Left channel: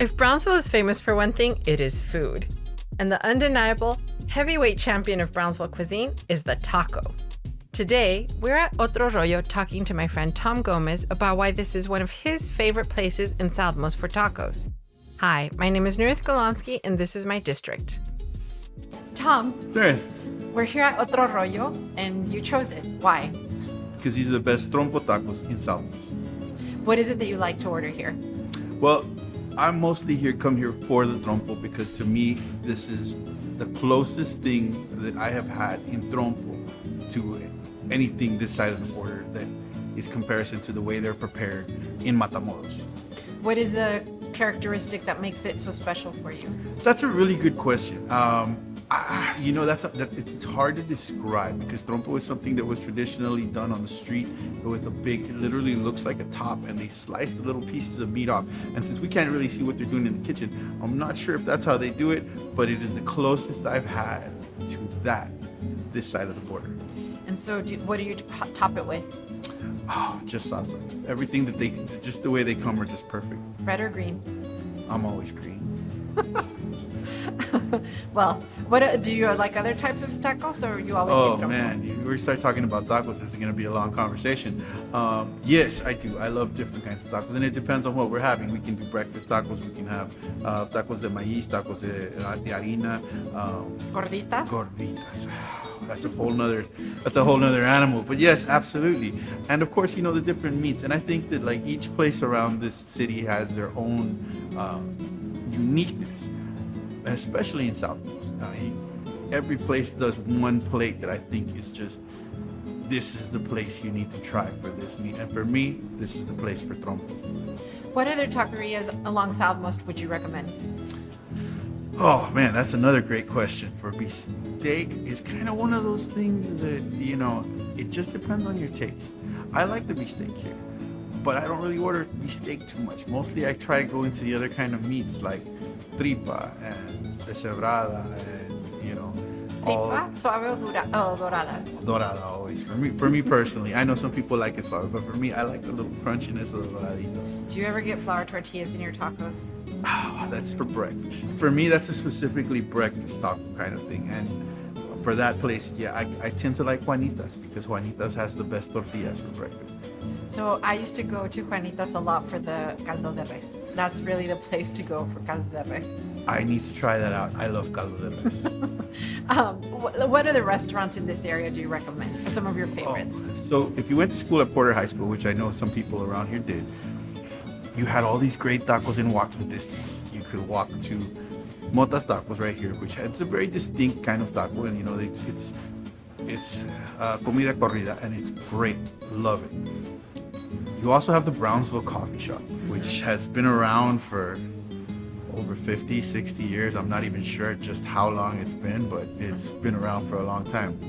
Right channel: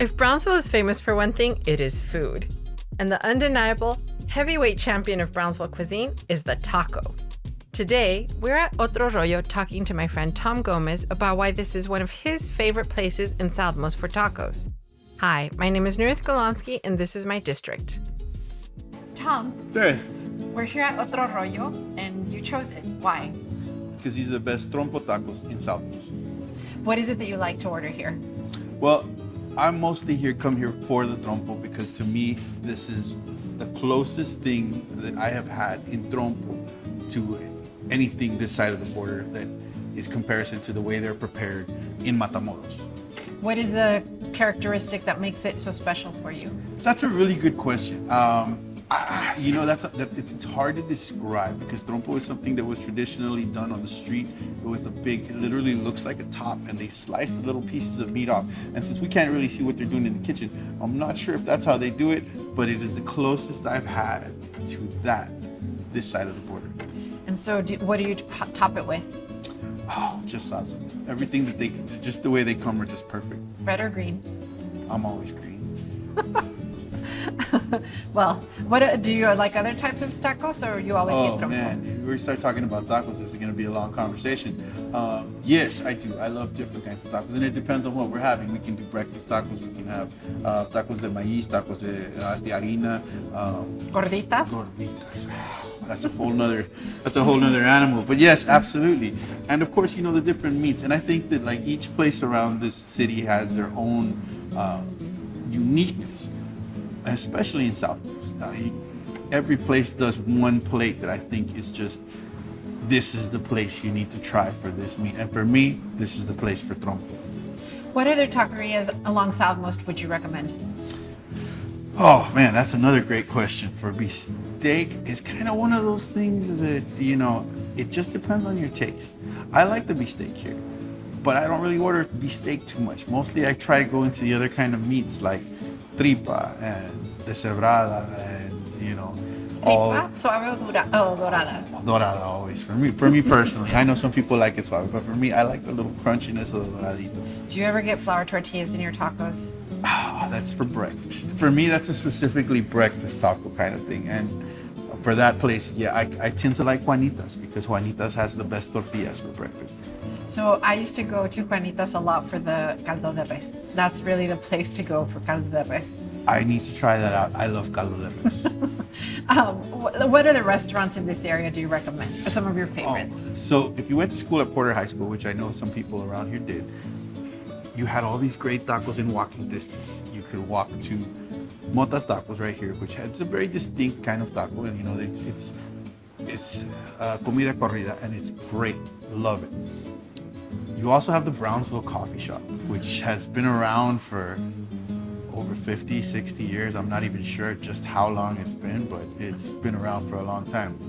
If Brownsville is famous for one thing, it is food. And the undeniable heavyweight champion of Brownsville cuisine is the taco. Today, we're at Otro Rollo talking to my friend Tom Gomez about why this is one of his favorite places in South Los for tacos. Hi, my name is Nurit Golonsky, and this is my district. Tom, Yes, we're here at Otro Rollo, and you chose it. Why? because these are the best trompo tacos in South Los. What is it that you like to order here? Well, I'm mostly come here for the trompo because to me, this is the closest thing that I have had in trompo to anything this side of the border that is comparison to the way they're prepared in Matamoros. What is the characteristic that makes it so special for you? That's a really good question. It's hard to describe because trompo is something that was traditionally done on the street with it literally looks like a top, and they slice the little pieces of meat off. And since we can't really see what they're doing in the kitchen, I'm not sure if that's how they do it, but it is the closest I've had to that this side of the border. And so, what do you top it with? Oh, just salsa. Everything just the way they come are just perfect. Red or green? I'm always green. Well, what do you like other types of tacos, or you always Oh get trompo? man, if we start talking about tacos, this is going to be a long conversation. Yes, I do. I love different kinds of tacos, and it depends on what we're having. We can do breakfast tacos. We can have tacos de maíz, tacos de harina, Gorditas? gorditas. That's a whole nother animal. But yes, absolutely. And of course, the different meats. And I think that like each place around this city has their own uniqueness, especially in South Coast. Every place does one plate that I think is just, this is the place you need to try for this meat. And for me, this is the place for trompo. What other taquerias along South Most would you recommend? Oh man, that's another great question. For beefsteak, is kind of one of those things that, it just depends on your taste. I like the beefsteak here, but I don't really order beefsteak too much. Mostly I try to go into the other kind of meats like tripa and deshebrada and, all Tripa, suave o dorada? dorada always. For me personally, I know some people like it suave, but for me, I like the little crunchiness of the doradito. Do you ever get flour tortillas in your tacos? That's for breakfast. For me, that's a specifically breakfast taco kind of thing. And for that place, yeah, I tend to like Juanitas because Juanitas has the best tortillas for breakfast. So I used to go to Juanitas a lot for the caldo de res. That's really the place to go for caldo de res. I need to try that out. I love caldo de res. What other restaurants in this area do you recommend? Some of your favorites? So if you went to school at Porter High School, which I know some people around here did, you had all these great tacos in walking distance. You could walk to Mota's Tacos right here, which it's a very distinct kind of taco, and it's comida corrida, and it's great. Love it. You also have the Brownsville Coffee Shop, which has been around for over 50, 60 years. I'm not even sure just how long it's been, but it's been around for a long time.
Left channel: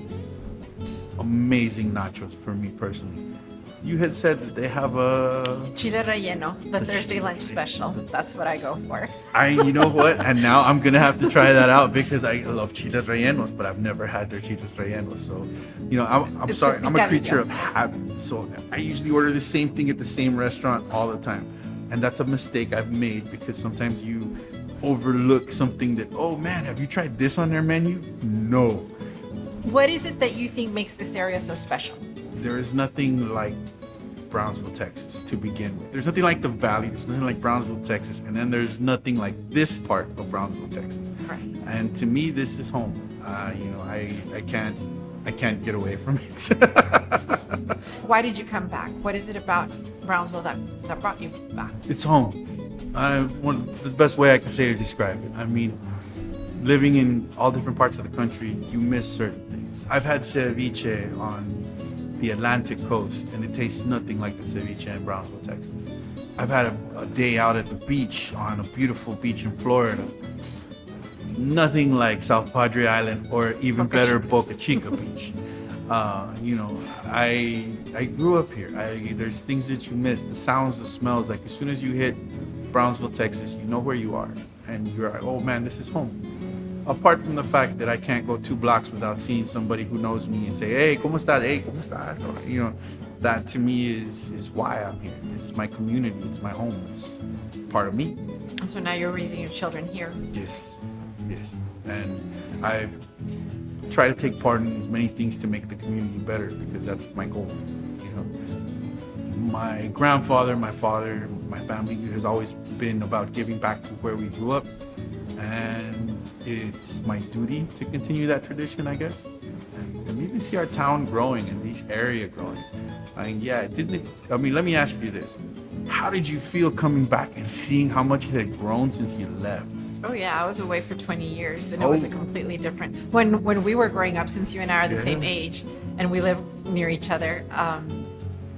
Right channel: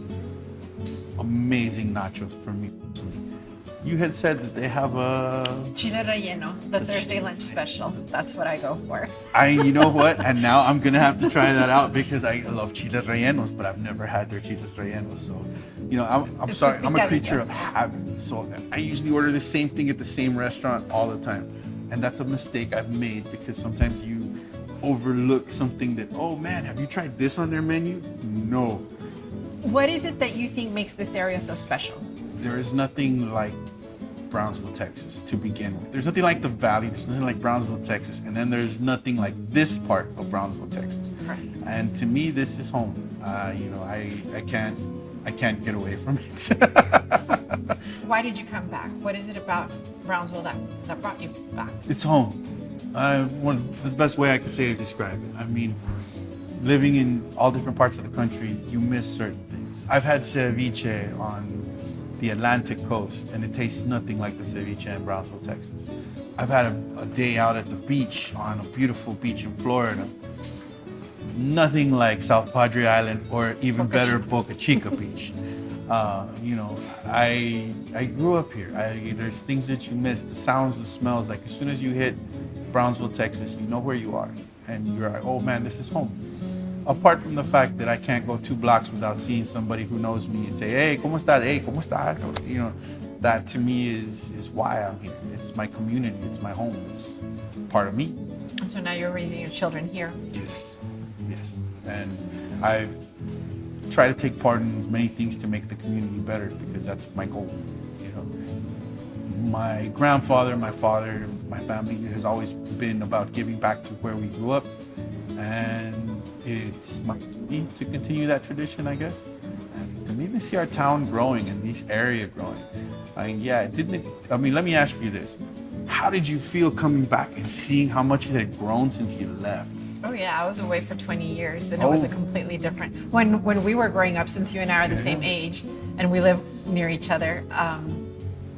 Amazing nachos for me personally. You had said that they have a... Chile relleno, the Thursday lunch special. That's what I go for. You know what? And now I'm going to have to try that out because I love chiles rellenos, but I've never had their chiles rellenos. So, I'm sorry. I'm a creature of habit. So I usually order the same thing at the same restaurant all the time. And that's a mistake I've made because sometimes you overlook something that, oh man, have you tried this on their menu? No. What is it that you think makes this area so special? There is nothing like Brownsville, Texas to begin with. There's nothing like the Valley. There's nothing like Brownsville, Texas. And then there's nothing like this part of Brownsville, Texas. Right. And to me, this is home. I can't get away from it. Why did you come back? What is it about Brownsville that brought you back? It's home. The best way I could say to describe it. I mean, living in all different parts of the country, you miss certain things. I've had ceviche on the Atlantic coast, and it tastes nothing like the ceviche in Brownsville, Texas. I've had a day out at the beach on a beautiful beach in Florida. Nothing like South Padre Island, or even better, Boca Chica Beach. I grew up here. There's things that you miss, the sounds, the smells. Like as soon as you hit Brownsville, Texas, you know where you are, and you're like, oh man, this is home. Apart from the fact that I can't go 2 blocks without seeing somebody who knows me and say, hey, ¿cómo estás? Hey, ¿cómo estás? that to me is why I'm here. It's my community. It's my home. It's part of me. And so now you're raising your children here. Yes, yes. And I try to take part in as many things to make the community better because that's my goal. You know, my grandfather, my father, my family has always been about giving back to where we grew up, and it's my duty to continue that tradition, I guess. And you can see our town growing and this area growing. I mean, yeah, it didn't. I mean, let me ask you this: how did you feel coming back and seeing how much it had grown since you left? Oh yeah, I was away for 20 years and it was a completely different. When we were growing up, since you and I are the same age and we live near each other,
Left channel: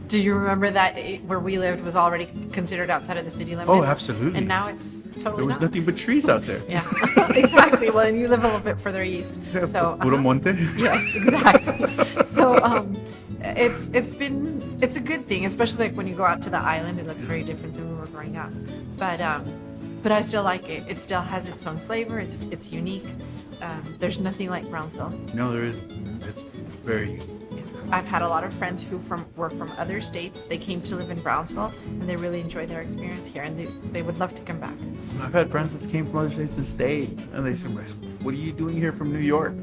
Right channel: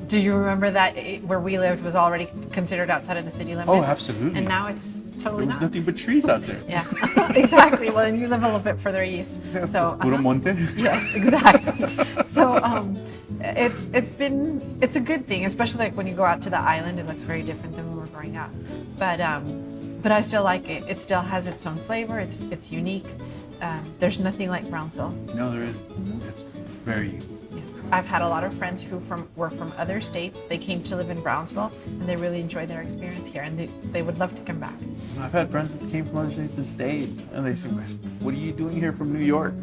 do you remember that where we lived was already considered outside of the city limits? Oh, absolutely. And now it's totally There was not. nothing but trees out there. Yeah, exactly. Well, you live a little bit further east, so Puro monte. yes, exactly. So it's a good thing, especially like when you go out to the island. It looks very different than when we were growing up, but I still like it. It still has its own flavor. It's unique. There's nothing like Brownsville. No, there is. It's very unique. I've had a lot of friends who were from other states. They came to live in Brownsville, and they really enjoyed their experience here, and they would love to come back. I've had friends that came from other states and stayed, and they said, "What are you doing here from New York?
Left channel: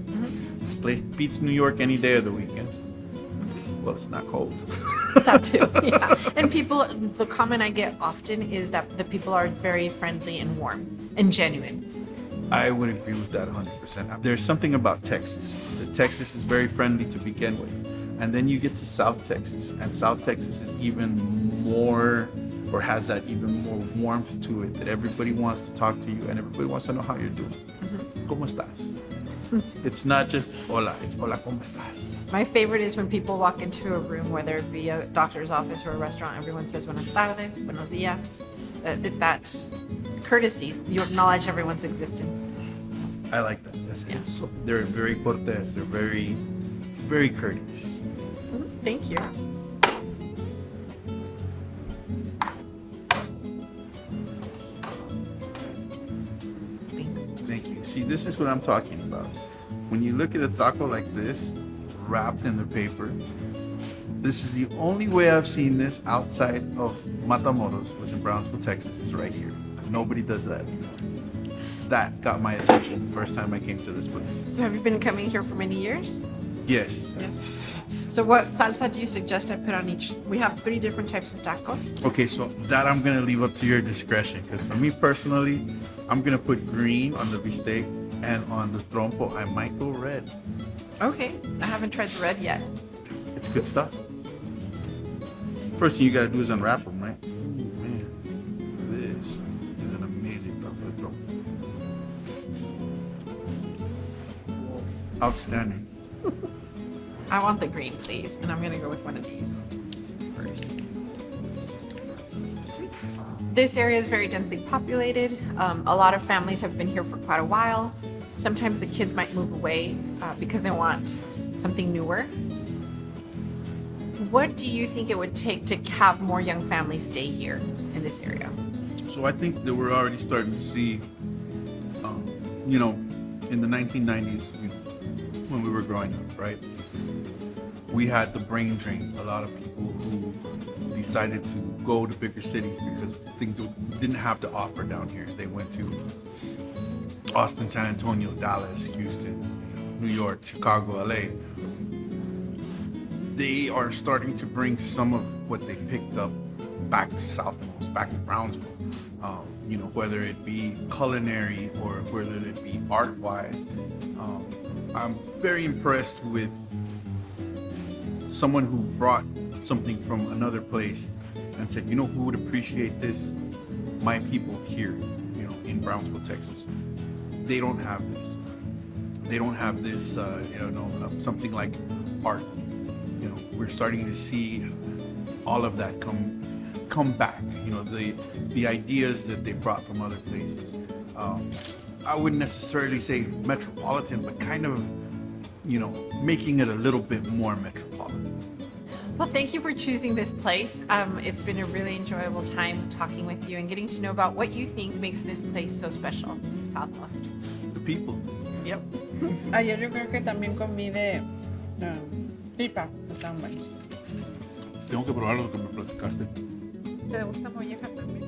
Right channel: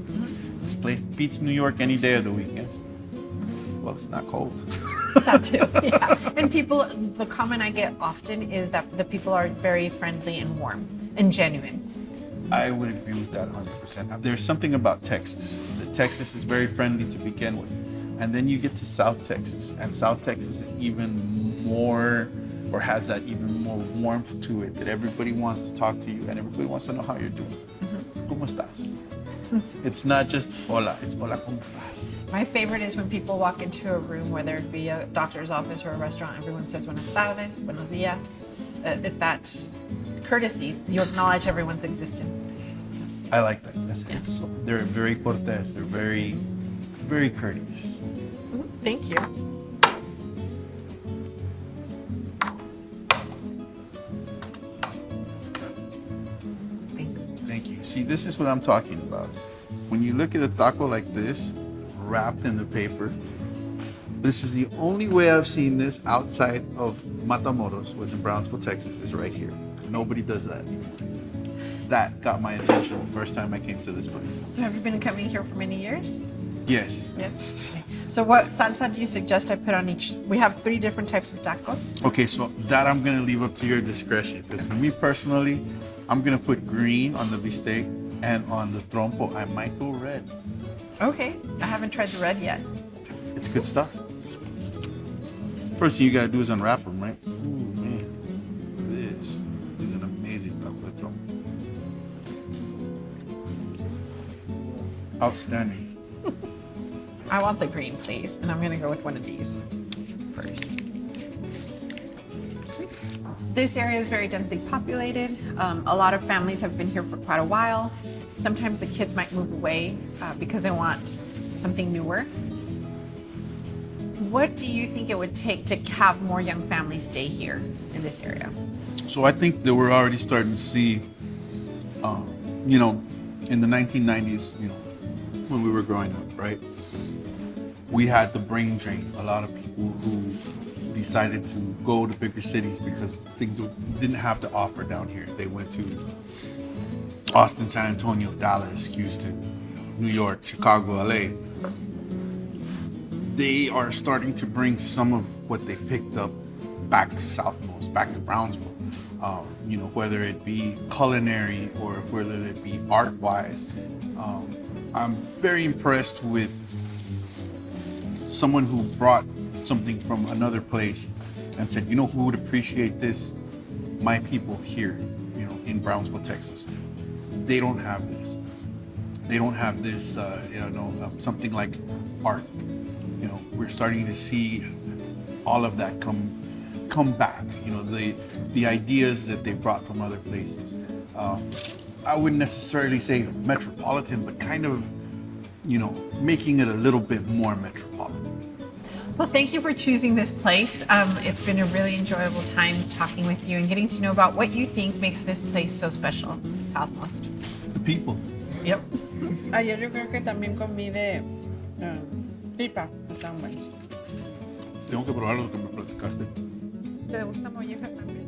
This place beats New York any day of the weekends." Well, it's not cold. That too, yeah. And people, the comment I get often is that the people are very friendly and warm and genuine. I would agree with that 100%. There's something about Texas. Texas is very friendly to begin with. And then you get to South Texas, and South Texas is even more, or has that even more warmth to it, that everybody wants to talk to you and everybody wants to know how you're doing. ¿Cómo estás? It's not just hola, it's hola, ¿cómo estás? My favorite is when people walk into a room, whether it be a doctor's office or a restaurant, everyone says buenas tardes, buenos días. It's that courtesy. You acknowledge everyone's existence. I like that. They're very cortés. They're very, very courteous. Thank you. Thank you. See, this is what I'm talking about. When you look at a taco like this, wrapped in the paper, this is the only way I've seen this outside of Matamoros, was in Brownsville, Texas, is right here. Nobody does that. That got my attention the first time I came to this place. So have you been coming here for many years? Yes. Yes. So what salsa do you suggest I put on each? We have 3 different types of tacos. Okay, so that I'm gonna leave up to your discretion, because for me personally, I'm gonna put green on the bistec, and on the trompo, I might go red. Okay. I haven't tried the red yet. It's good stuff. First thing you gotta do is unwrap them, right? Ooh, man, this is an amazing taco de trompo. Outstanding. I want the green, please, and I'm gonna go with one of these first. Sweet. This area is very densely populated. A lot of families have been here for quite a while. Sometimes the kids might move away because they want something newer. What do you think it would take to have more young families stay here in this area? So I think that we're already starting to see, in the 1990s, when we were growing up, right? We had the brain drain. A lot of people who decided to go to bigger cities because things didn't have to offer down here. They went to Austin, San Antonio, Dallas, Houston, New York, Chicago, LA. They are starting to bring some of what they picked up back to Southmost, back to Brownsville. Whether it be culinary or whether it be art-wise. I'm very impressed with someone who brought something from another place and said, who would appreciate this? My people here, in Brownsville, Texas. They don't have this. They don't have this, something like art. We're starting to see all of that come back. The ideas that they brought from other places. I wouldn't necessarily say metropolitan, but kind of, making it a little bit more metropolitan. Well, thank you for choosing this place. It's been a really enjoyable time talking with you and getting to know about what you think makes this place so special, Southmost. The people. Yep. Ayer yo creo que también comí de tripa, están buenos. Tengo que probar lo que me platicaste. ¿Te gusta molleja también?